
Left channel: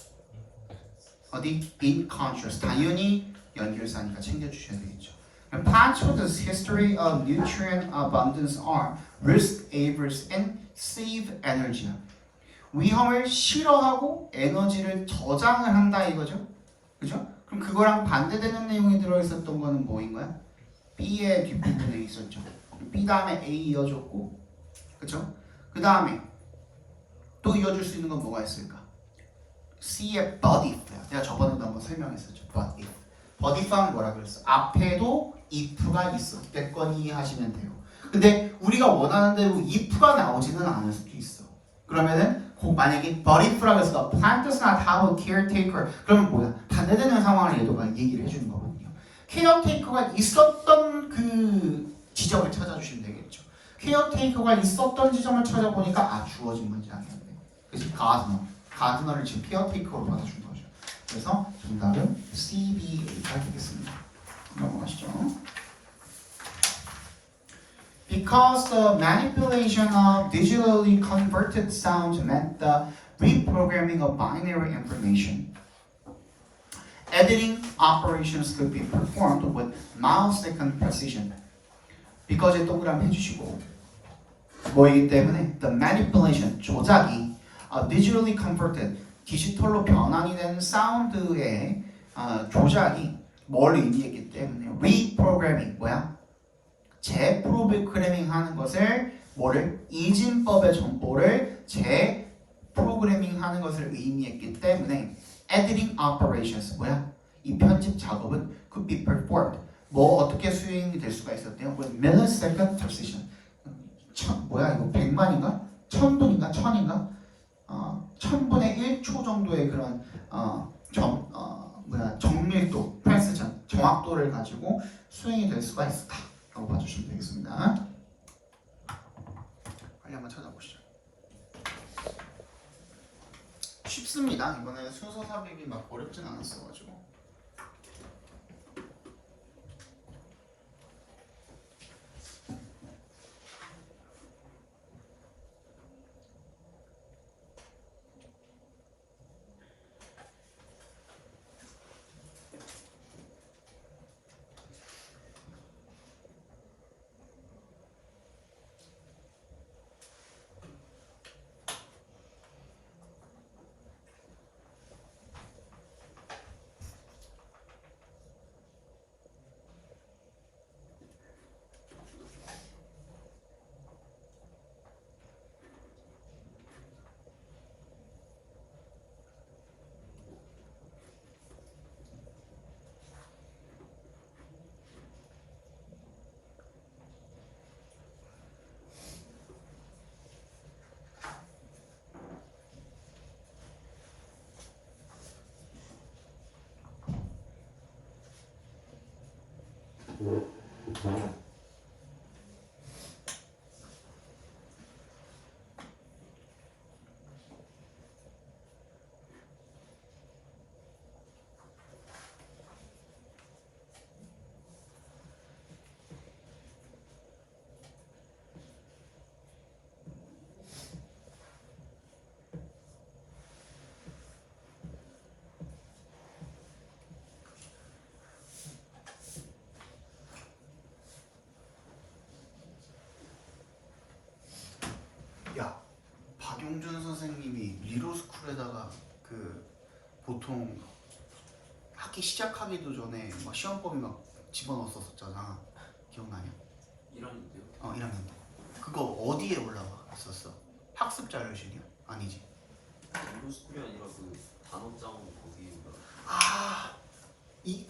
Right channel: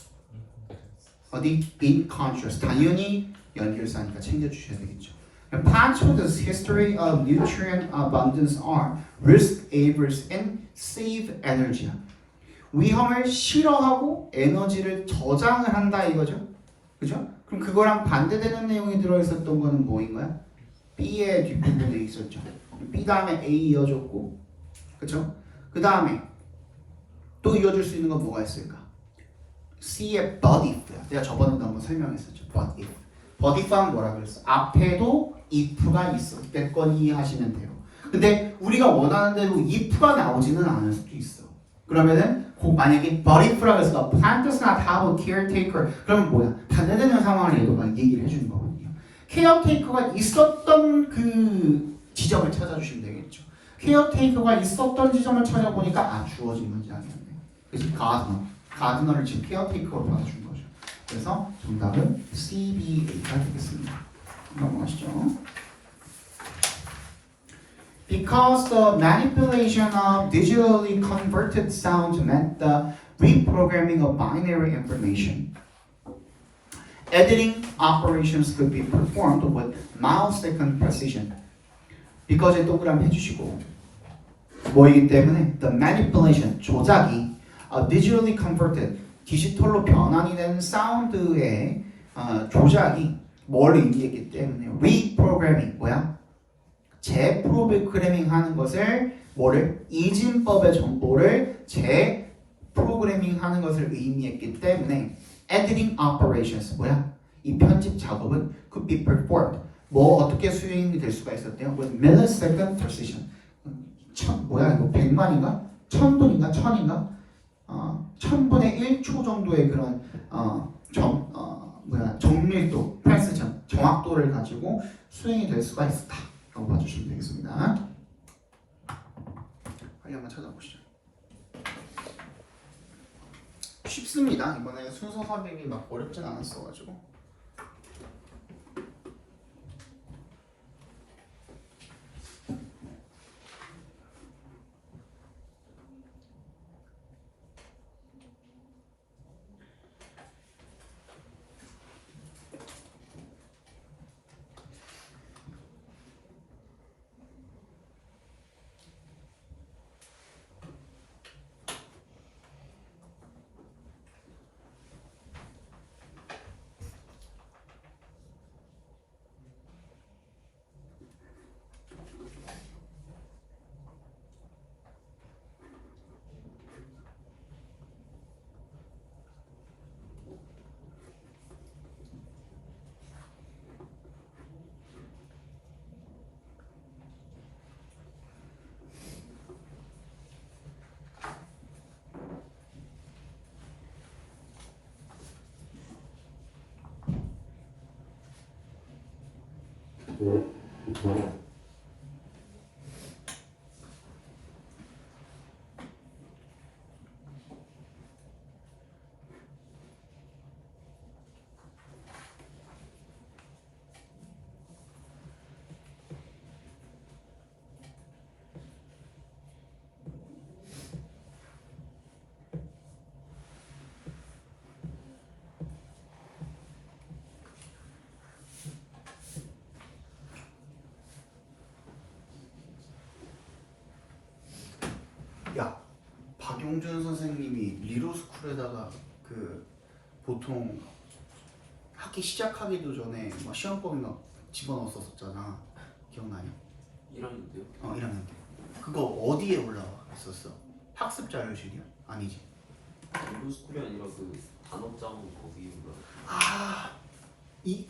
어디? In contrast. 당연히 연결사니까 챙겨주셔야 되겠죠. Plants with a history of nutrient abundance are risk averse and save energy. 위험을 싫어하고 에너지를 저장을 한다 이거죠. 그죠? 그럼 그거랑 반대되는 내용이 들어있었던 거는 뭐인가요? B의 뒷부분에 있었죠. B 다음에 A 이어줬고, 그죠? 그 다음에 또 이어줄 수 있는 건 뭐가 있을까? C의 but if야. 내가 저번에도 한번 설명했었죠. but if. but if는 뭐라 그랬어? 앞에도 if가 있어. 됐건 이해하시면 돼요. 근데 우리가 원하는 대로 if가 나오지는 않을 수도 있어. 그러면은 만약에 but if라고 해서 plant does not have a caretaker 그러면 뭐야? 반대되는 상황을 얘도가 얘기를 해주는 거거든요. caretaker가 있었던 그 지점을 찾아주시면 되겠죠. caretaker가 있었던 지점을 찾아보니까 주어진 문장이었네. 그래서 가드너를 지금 caretaker로 받아준 거죠. 그래서 정답은 CBA가 되겠습니다. 넘어가시죠. Because the manipulation of digitally converted sound meant the reprogramming of binary information, editing operations could be performed with millisecond precision. Because에 동그라미 해주시고 뭐이기 때문에 the manipulation, 조작이 digitally converted, 디지털로 변환이 된 사운드의 조작이 뭘 의미했기 때문에 reprogramming, 뭐야? 재프로그래밍 하는 것을 뭐를? 이진법의 정보를 재프로그래밍 하는 것을 의미했기 때문에 editing operations, 뭐야? 이 편집 작업은 could be performed, 뭐 어떻게 수행이 될 수가 있었대요? with millisecond precision. 뭐야 이거 100만인가? 1000분인가? 1000인가? 1000분의 1초 정도의 그런 정밀도, 프레시전, 정확도를 가지고 수행이 될 수가 있었다 라고 봐주시면 되겠습니다. 빨리 한번 찾아보시죠. 쉽습니다. 이번에 순서 사백이 막 어렵진 않았어가지고. 야, 박용준 선생님이 리로스쿨에다가 그 보통 학기 시작하기도 전에 막 시험범위 막 집어넣었었잖아. 기억나냐? 1학년인데요? 1학년 때. 그거 어디에 올라와 있었어? 학습 자료실이야? 아니지. 루스쿨이 아니라 그 단어장 거기 이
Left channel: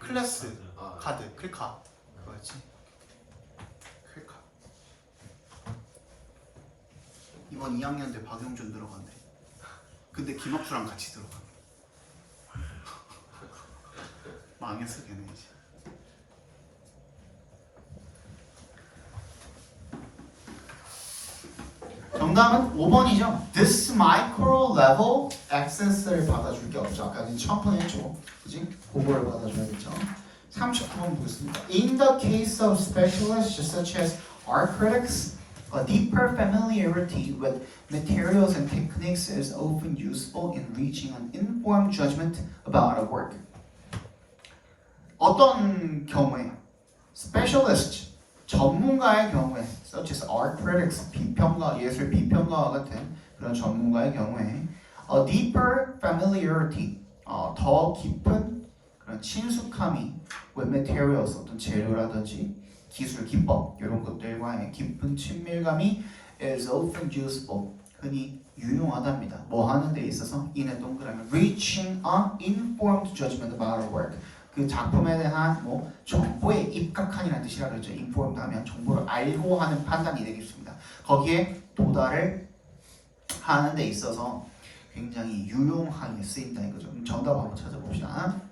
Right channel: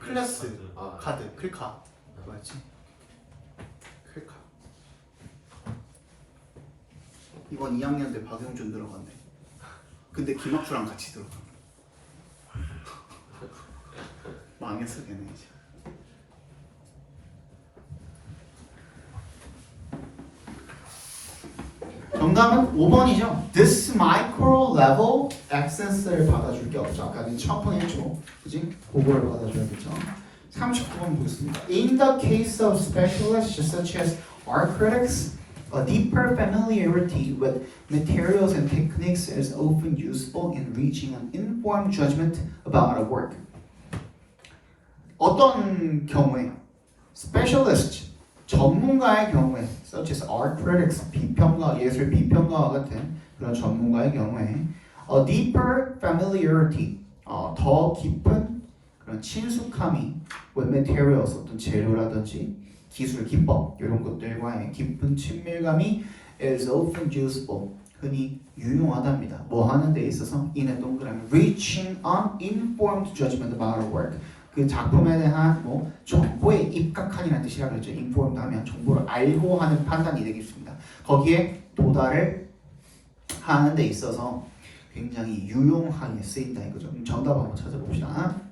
클래스 아, 카드 클카 그거였지. 클카. 이번 2학년 때 박용준 들어간대. 근데 김학주랑 같이 들어가. 망했어 걔네 이제. 정답은 5번이죠. This micro level access를 받아줄 게 없죠. 아까 1000분 했죠. 그지? 그거를 받아줘야겠죠. 39번 보겠습니다. In the case of specialists such as art critics, a deeper familiarity with materials and techniques is often useful in reaching an informed judgment about a work. 어떤 경우에 specialist 전문가의 경우에 such as art critics 비평가 예술 비평가와 같은 그런 전문가의 경우에 a deeper familiarity 더 깊은 그런 친숙함이 with materials 어떤 재료라든지 기술 기법 이런 것들과의 깊은 친밀감이 is often useful 흔히 유용하답니다. 뭐 하는 데 있어서 이는 동그라미 reaching an informed judgment about a work 그 작품에 대한 뭐 정보에 입각한이라는 뜻이라 그랬죠. informed 하면 정보를 알고 하는 판단이 되겠습니다. 거기에 도달을 하는 데 있어서 굉장히 유용하게 쓰인다 이거죠. 그럼 정답 한번 찾아봅시다.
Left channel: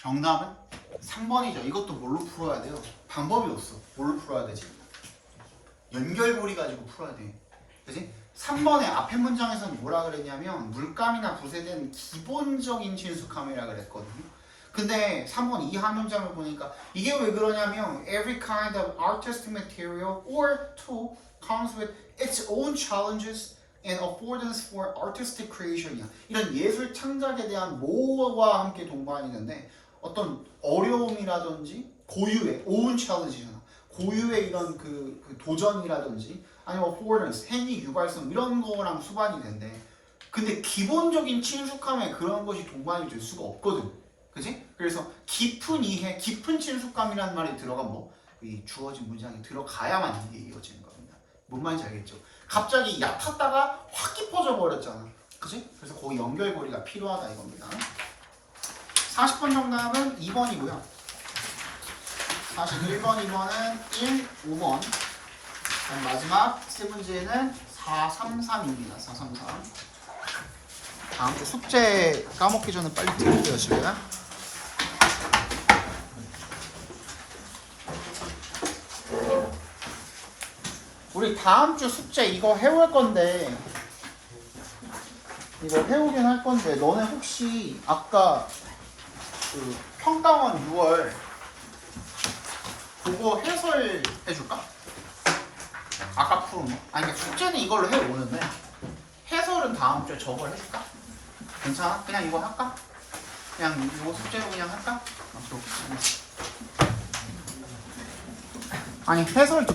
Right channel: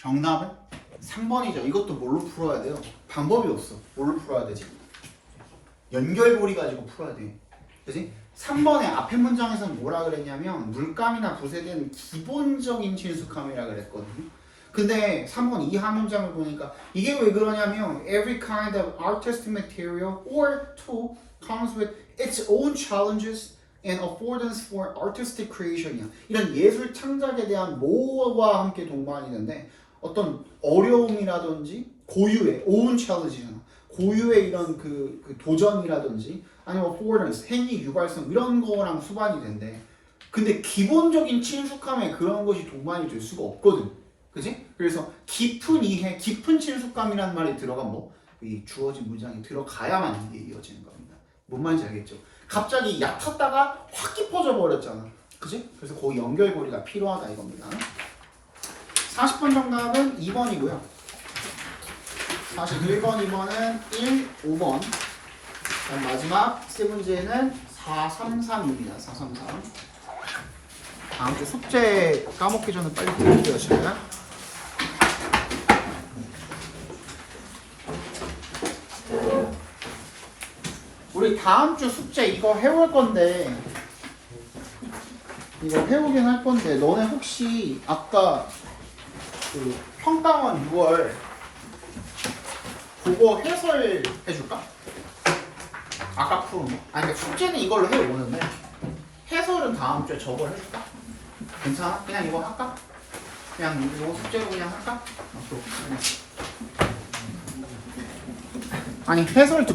정답은 3번이죠. 이것도 뭘로 풀어야 돼요? 방법이 없어. 뭘로 풀어야 되지? 연결고리 가지고 풀어야 돼. 그지? 3번의 앞에 문장에서는 뭐라 그랬냐면 물감이나 붓에 대한 기본적인 친숙함이라 그랬거든요. 근데 3번 이하 문장을 보니까 이게 왜 그러냐면 every kind of artistic material or tool comes with its own challenges and affordance for artistic creation이야. 이런 예술 창작에 대한 뭐와 함께 동반이는데 어떤 어려움이라든지 고유의 own challenge잖아. 고유의 이런 그 도전이라든지 아니면 affordance, 행위 유발성 이런 거랑 수반이 된대. 근데 기본적인 친숙함에 그런 것이 동반이 될 수가 없거든. 그지? 그래서 깊은 이해, 깊은 친숙감이라는 말이 들어간 이 주어진 문장이 들어가야만 이게 이어지는 겁니다. 뭔 말인지 알겠죠? 갑자기 얕았다가 확 깊어져 버렸잖아. 그지? 그래서 거기 연결고리가 필요하다 이겁니다. 40번 정답은 2번이고요. 41번, 2번은 1, 5번. 그럼 마지막 세 문제는 433입니다. 433. 다음 주 숙제 까먹기 전에 빨리 드릴게요, 제가. 우리 다음 주 숙제 이거 해올 건데, 이거 해오긴 할 건데, 너네 혹시 아까 그 평가원 6월 그거 해설 해줄까? 아까 푼. 아니, 그러니까 숙제는 이걸로 해오는데, 해설은 다음 주에 저걸 해줄까? 괜찮아? 그냥 이거 할까? 그냥 이거 숙제로 그냥 할까? 오케이, 오케이. 아니, 해설 듣고